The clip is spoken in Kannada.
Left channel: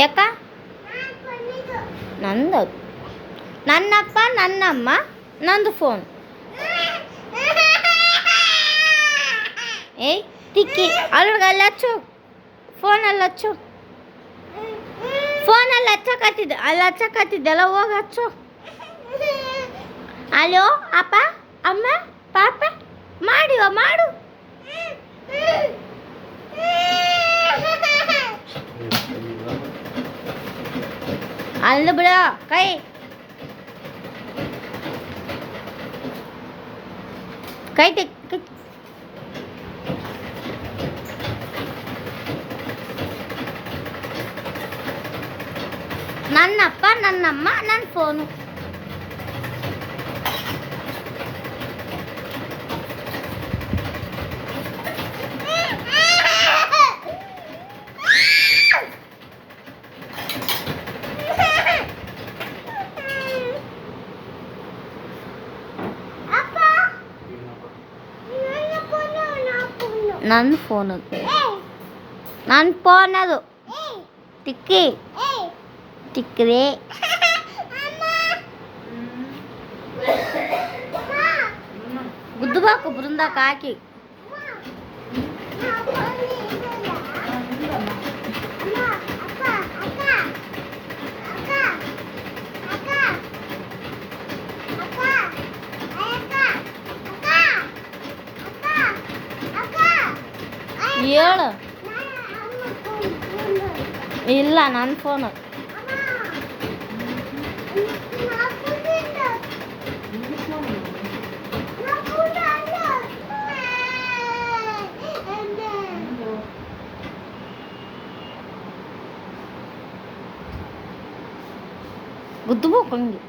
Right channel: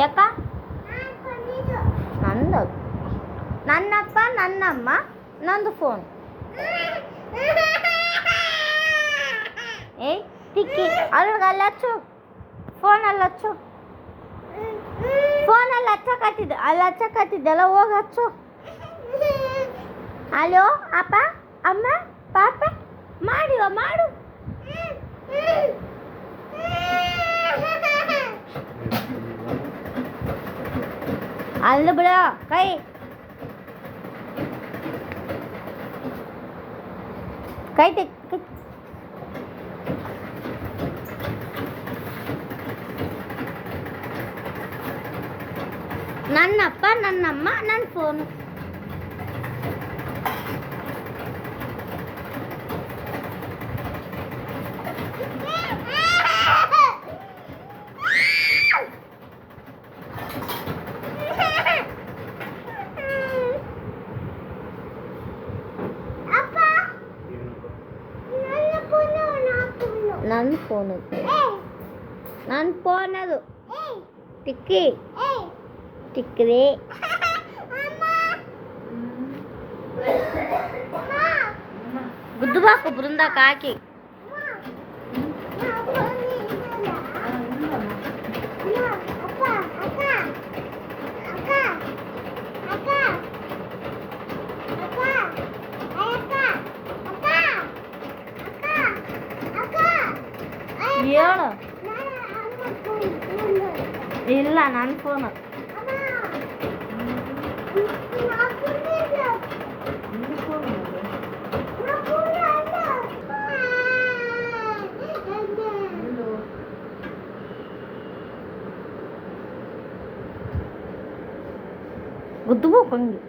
ಯಾಕ ನಂದು ನನ್ನಪ್ಪ ನನ್ನಮ್ಮ ನಂದು ಫೋನ್. ಏಯ್ ತಿಕ್ಕಿ ಅಲ್ಗೆ ಅಲ್ಲಿ ಹಚ್ಚು, ಫೋನಲ್ಲಿ ಹಚ್ಚು, ಫೋನಲ್ಲಿ ಹಚ್ಚಕತ್ತಿದ್ದೆ, ಅಲ್ಲಿ ಹಚ್ಚಕತ್ತಿದ್ದೆಲ್ಲ ಹೋಗಿ ಹಚ್ಚು. ಅಲೋ ಅಪ್ಪ ಅಮ್ಮ ಪಾಪ ಮಾಡಿವ ಮಾಡು. ಅಲ್ಲ ಬಿಡ ಕೈ ಕೈ ಕೈ. ನನ್ನಪ್ಪ ನನ್ನಮ್ಮ ನನ್ನ ಫೋನು. ನನ್ನ ಫೋನ್ ಅದು, ನನ್ನ ಫೋನ್ ಅದು. ತಿಕ್ಕಿ ತಿಕ್ಕಿದೆ ಗುದ್ದುಬಾಕು ಬೃಂದಕ್ಕೆ ಹಾಕಿ. ಹೇಳು. ಇಲ್ಲ ನನ್ನ ಫೋನು. ಗುದ್ದುಬೇಕು ಹಂಗೆ.